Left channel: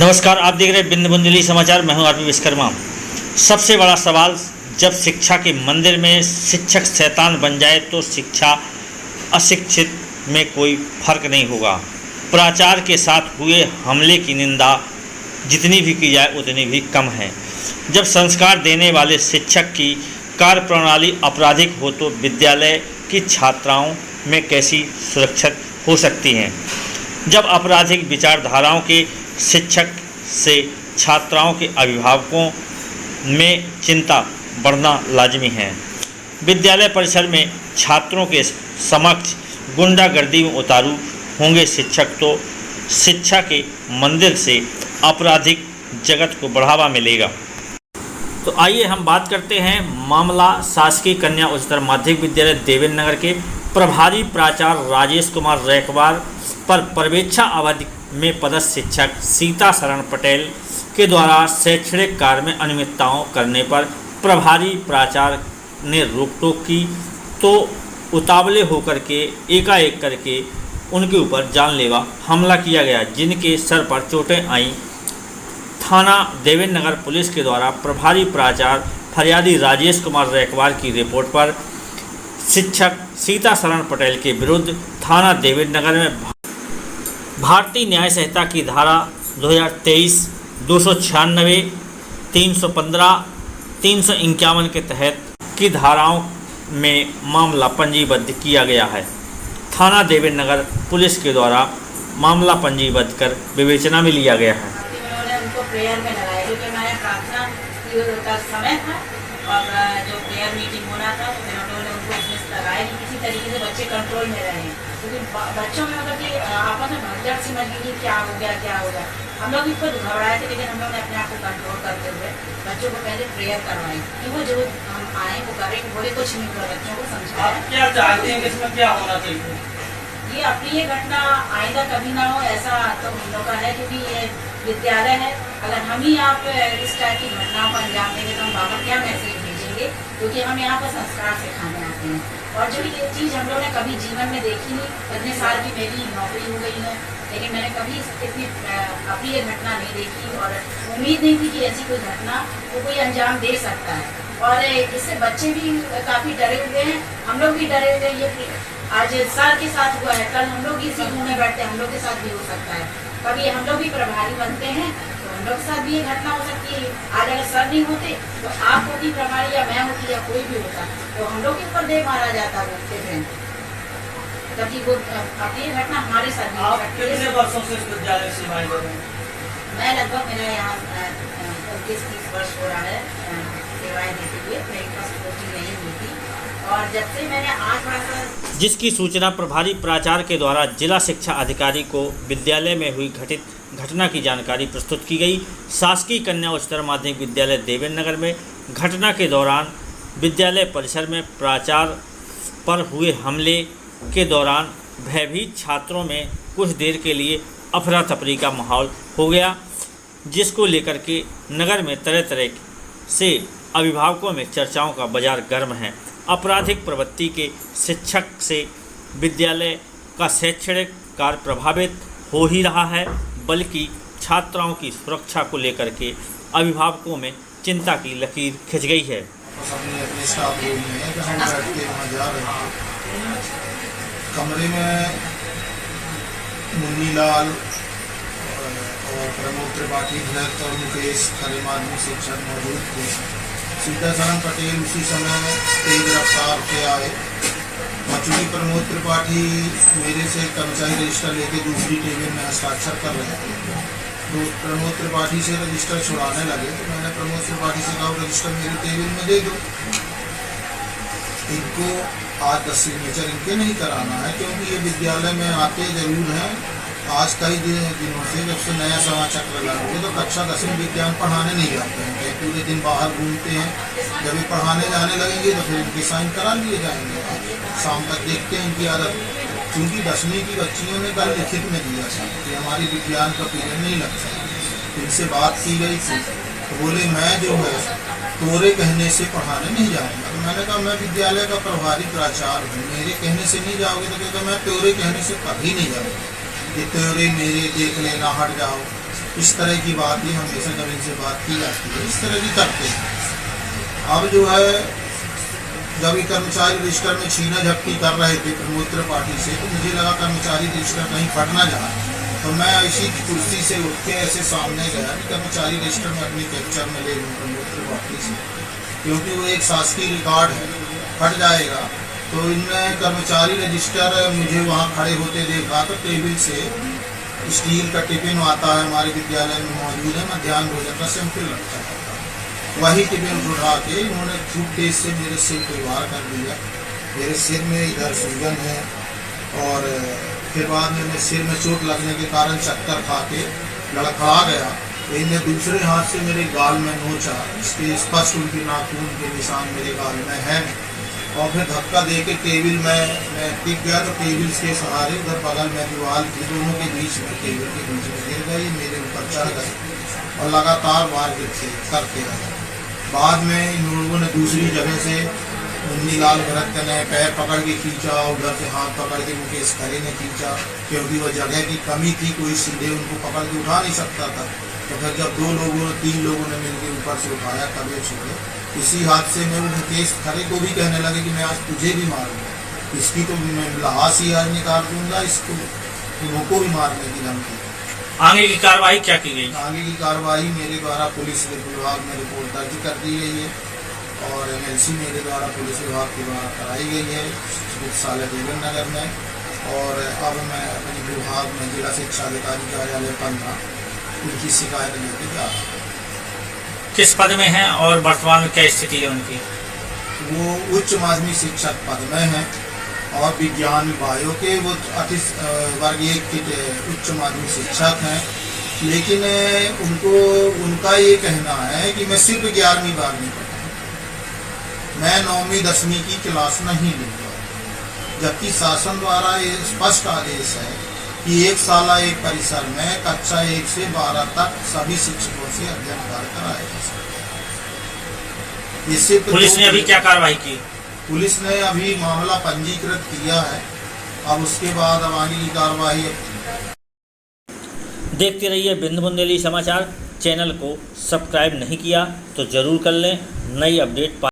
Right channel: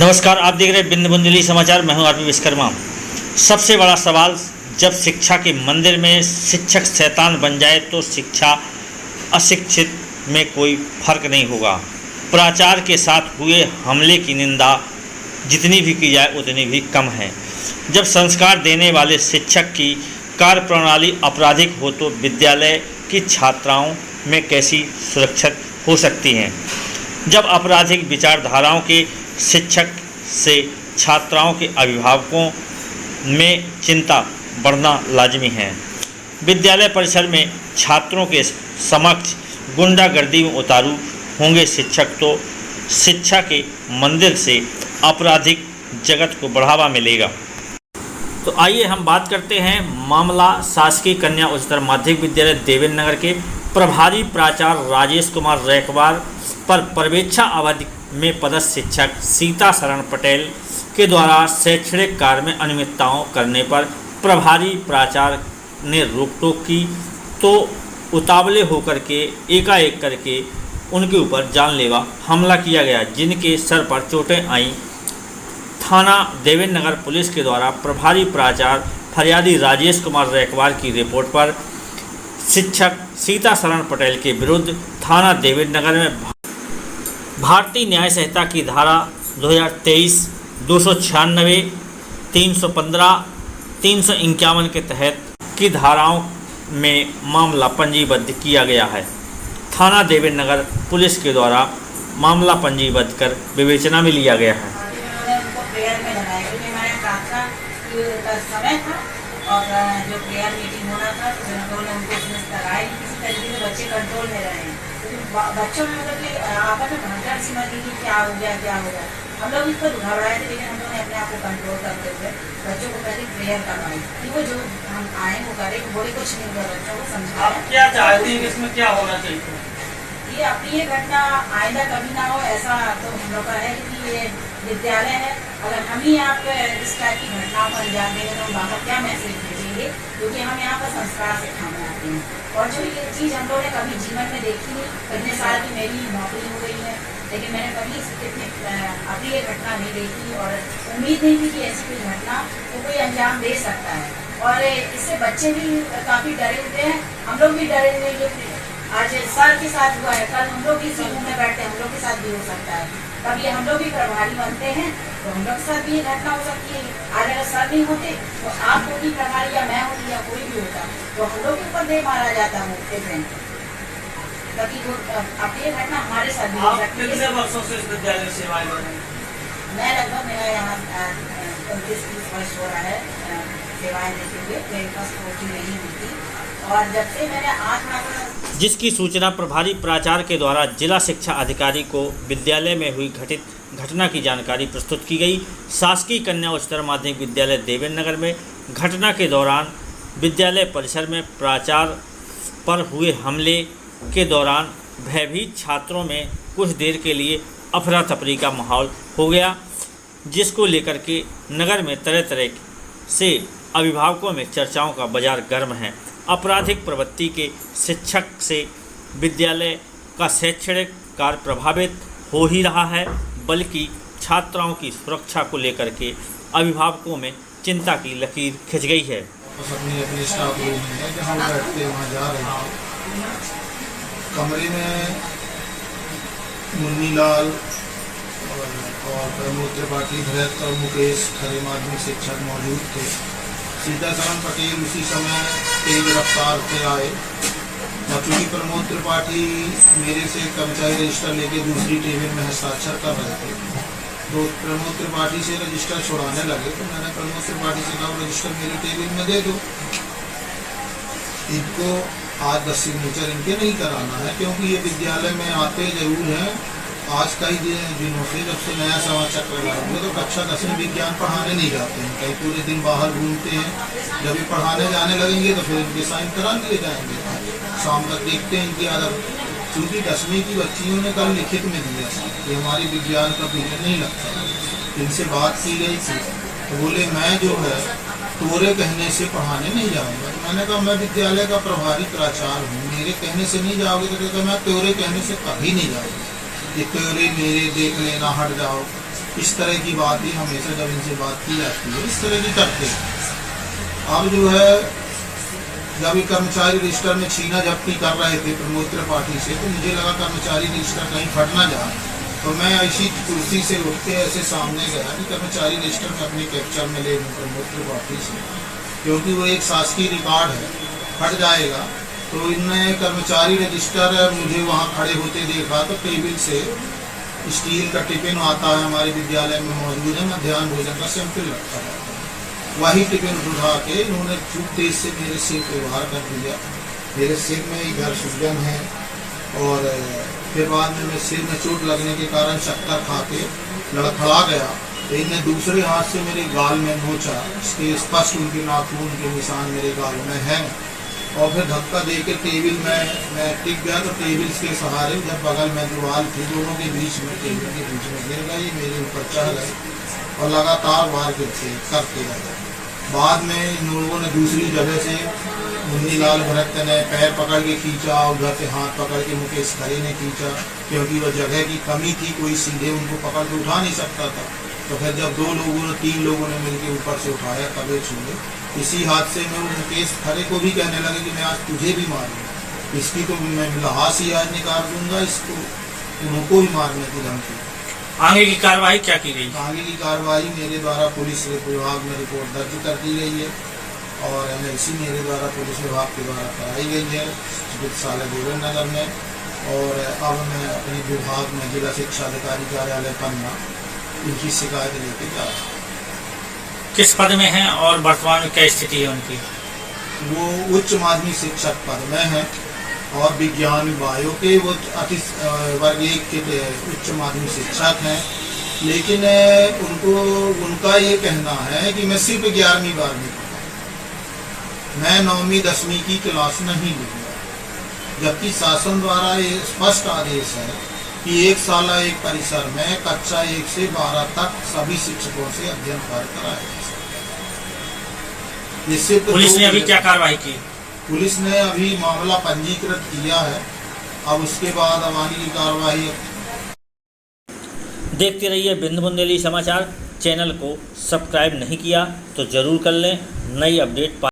नमस्कार, आप देख रहे हैं बिंद बुंदेली समाचार। मैं हूं आरपी विश्वकर्मा। सबसे बड़ा सवाल, जब शिक्षा के मंदिर में शिक्षक शैतान बन जाए तो शिक्षा अशिक्षित में कोई फर्क नहीं होगा। प्राचार्य के साथ हुए हमले की निंदा जितनी भी की जाए उतनी भी कम है। जब संस्कार देने वाले शिक्षक की कार्यप्रणाली आपराधिक हो तो विद्यालय की छात्राओं में कैसी सुरक्षित हो सकती हैं। जब आपराधिक विचारधाराओं के शिक्षक से छात्राओं के अभिभावकों में चिंता बढ़ना लाजमी है। विद्यालय परिसर में छात्रों के समक्ष गुंडागर्दी में उतारू होंगे शिक्षक तो शिक्षा के मंदिर से आपराधिक जगत को बढ़ावा मिलेगा। तो आइए हम बात करते हैं मामला शासकीय कन्या उच्चतर माध्यमिक विद्यालय देवेंद्र नगर के प्रभारी प्राचार्य राजेश कुमार रैकवार पर पर्यवेक्षण अवधि में पदस्थ शिक्षक सीता शरण पटेल के द्वारा शैक्षणिक कार्य में अनियमितताओं करने पर प्रभारी प्राचार्य ने रोक-टोक की तो उतावले होकर के एकाएक करके उनके ऊपर जानलेवा हमला किया गया, जिनके सर पर चोटें आईं। थाना देवेंद्र नगर पुलिस के द्वारा प्रभारी प्राचार्य फरियादी राजेश कुमार रैकवार की रिपोर्ट पर शिक्षक सीता शरण पटेल के विरुद्ध थाना देवेंद्र नगर में भारतीय न्याय संहिता की धारा 2023, 296, 315, 351 के तहत की धाराओं में मामला पंजीबद्ध किया गया है। थाना देवेंद्र नगर पुलिस के द्वारा मामला पंजीबद्ध कर विवेचना में लिया गया है। उनको प्रेयर में लगाया क्योंकि हमारे प्रार्थना का समय था और जो प्रेयर मीटिंग होना था तो उन्होंने उनको उसमें लगाया कि किसी तरीके से बच्चे कंट्रोल में रहे हैं, क्योंकि बच्चों में मतलब कि आपस में भगदड़ सी मच गई कि क्या हो गया। हम लोग इसको घबराए थे, लेकिन हम लोगों ने अपने आप को कंट्रोल करते हुए बच्चों को पहले प्रेयर करवाई कि वो जो हम आए वो करें, बोले कुछ नहीं हुआ, बच्चों को समझाया। क्या चाहते हैं कि इसमें क्या होना चाहिए? ये अपनी ये घटना आइंदा कभी ना हो ऐसा तो हम लोग का है, क्योंकि ये विद्यालय है। अगर हम ही आप इस टाइप की घटनाओं को अंजाम देंगे तो हम बाहर क्या मैसेज भेजेंगे, क्योंकि हम यहाँ पर संस्कार सिखाने आते हैं। और जो ये चीज़ हम लोगों ने कभी जीवन में देखी नहीं। इतने साल की मेरी नौकरी हो गई है, लेकिन मैंने कभी इतनी अपनी ये घटना नहीं देखी और उम्मीद नहीं थी कि ऐसी कोई घटना को कोई अंजाम दे सकता है। और इससे बच्चे भी काफ़ी डरे हुए हैं, हम लोग भी डरे हुए। ये आज सर के साथ हुआ है, कल हम लोग इसी रूम में बैठते हैं, हम लोग के साथ भी हो सकता है। कभी हम लोग भी प्रभारी बनते हैं तो हम लोग के साथ भी ये घटना हो सकती है। आज अगर सर नहीं होते तो आप होती प्रभारी या मैं होती या कोई भी होता तो हम लोग के ऊपर दे मारा जाता वो ट्रेन। ताकि वो अब ये घटना हमारे साथ भी हो सकती है। कितने वर्षों से इस विद्यालय में सेवाएं दे रहे हैं? मैं लगभग मेरा यहाँ 29-30 वर्ष हो रहा है सेवाएं देते हुए। मेरे पास कोचिंग नहीं हुई थी और जब से मैंने 8 माह जिसकी सूचना प्रभारी प्राचार्य के द्वारा जिला शिक्षा अधिकारी को विद्यालय में हुई घटित घटना की जानकारी प्रस्तुत की गई। शासकीय कन्या उच्चतर माध्यमिक विद्यालय देवेंद्र नगर में घटना के दौरान विद्यालय परिसर में प्राचार्य पर हुए हमले के दौरान भयभीत छात्रों में कुछ देर के लिए अफरा तफरी का माहौल हो गया, जिसको लेकर के नगर में तरह तरह से अभिभावकों में चर्चाओं का बाजार गर्म है। आपराधिक प्रवृत्ति के शिक्षक से विद्यालय का शैक्षणिक कार्य प्रभावित हो ही रहा है, बल्कि छात्राओं की सुरक्षा को लेकर के अभिभावकों में चिंता की लकीर खिंच गई है। अपनी स्टाफ रूम में जहाँ बैठते वहाँ जा रहे थे, कमरे में मुन्नीलाल और प्रमोद त्रिपाठी, धरत और मुकेश खरे माध्यमिक शिक्षक मौजूद थे। सीता शरण पटेल उसी समय तेज रफ्तार से आए और चूँकि प्रमोद त्रिपाठी मेरे से कर्मचारी रजिस्टर लेके दूसरी टेबल में हस्ताक्षर कर रहे थे, तो प्रमोद त्रिपाठी से रजिस्टर छुड़ाने लगे। तो मैंने प्रमोद त्रिपाठी से कहा रजिस्टर मेरी टेबल में दे दो, इनको आज 10 सिग्नेचर इनके नहीं कराना है, क्योंकि ये विद्यालय में आते जरूर हैं। आज कई दिनों से जब से नया सवा चक्र लगेंगे तो कक्षा 10वीं विज्ञान पढ़ाने नहीं जाते हैं, कहीं पूरे दिन बाहर घूमते हैं। जब ये पढ़ाने जाने लगेंगे तो फिर इनके साइन करा लिए जाएंगे। शाम तक देखते हैं इनकी आदत। क्योंकि 10वीं की बच्चियों ने कल लिखित में दिया था कि हमारी विज्ञान का पीरियड नहीं लगता। इनसे बात की गई थी तो बोले मैं जो है तोरे कहने से पढ़ाने नहीं जाऊँगा। तो मैंने कहा मैं विद्यालय का प्रभारी प्राचार्य हूँ, मेरे कहने से नहीं जाओगे? तो कहता मैं तोरे कहने से कभी नहीं जाऊँगा, कि तोरे मेरे देख लेना हट जाओ। इस तरह की बात ही हमेशा जब इनसे बात की जाती है इस तरह की करते हैं। अब जो है जब ये कर्मचारी रजिस्टर में छीना झपटी कर रहे थे प्रमोद त्रिपाठी से, तो मुझे लगा कर्मचारी रजिस्टर कहीं फट ना जाए, तो मैं ऐसी कुर्सी से उठ के ऐसे सामने गया कि कर्मचारी रजिस्टर में अपने कैप्चर में ले लूँ प्रमोद त्रिपाठी से, क्योंकि वो एक शासकीय रिकॉर्ड है, फट जाएगा। तो इनने कर्मचारी रजिस्टर मुझे वहाँ खड़े होते देखा तो टेबल से स्टील का टिफिन आता है हमारे विद्यालय में मौजूद है, मध्याह्न भोजन का सैंपल रखा हुआ था, वही टिफिन उठा के इन्होंने खूब तेज से मेरे सिर पे वार कर दिया। मेरे सिर में इधर सूजन है और फिर बाद में सिर में चोट लगने के कारण चक्कर खा के लड़खड़ा गया। तो इन्हें दूसरे हाथ से मेरे गाल में नोचा, इसके स्पष्ट उनके नाखून के निशान मेरे गाल में हैं, और फिर धक्का दे के टेबल में मैं टिक गया, तो टेबल के सहारे उधर बगल में दीवार थी, दोनों के बीच में टेबल के बीच में गिर गए, मेरे ऊपर चढ़ गए और लगातार वार करते रहे। बाद में इन लोगों ने दूसरी जगह से मुन्नीलाल भरत ने पैर पकड़ के खींचा, उधर से हाथ पकड़ के मुकेश खरे ने खींचा, क्योंकि वह जगह की कमी थी, कोई सीधे उनको पकड़ के उठा नहीं सकता था। तो फिर जब 3 लोगों ने मिलकर ऊपर से उठाया तब छोड़े। इसी हादसे में वो मुकेश खरे को भी कहने लगे कि मैं आज तुझे भी मारूंगा, इसकी तो मैं लहास ही आज निकाल दूंगा, इसको उनको भी मारने की धमकी। आगे की कार्रवाई क्या की गई? आगे की कार्रवाई मेरे द्वारा पुलिस विभाग में रिपोर्ट दर्ज कर दी गई है और MLC मेरे द्वारा पुलिस विभाग के द्वारा कराई गई है चिकित्सालय देवन नगर में, और अब मैं अपने विभाग में जिला शिक्षा अधिकारी कार्यालय पन्ना इनकी शिकायत लेके जा रहा हूँ। किस पद में हैं और वर्तमान में क्या स्थिति है उनकी? वो उच्च माध्यमिक शिक्षक पद में है और विज्ञान बायो के वो वर्ग 1 के उच्च माध्यमिक शिक्षक हैं, लेकिन उनका ये कहना है कि मैं सिर्फ 11वीं 12वीं पढ़ा, मैं 9वीं 10वीं की क्लास नहीं लूँगा, जबकि शासन द्वारा ये स्पष्ट आदेश है कि 1 साल 1 परिसर में कक्षा 1 से 12 तक सभी शिक्षकों से अध्ययन कार्य कराएगा। इससे पुलिस ने अभी क्या कार्रवाई की? पुलिस ने अभी मामला पंजीकृत किया है, अब उसके बाद अब आगे की कार्रवाई। देखते रहिए बिंदु बुंदेली समाचार। चैनल को सब्सक्राइब नहीं किया तो जरूर कर लें, नई अपडेट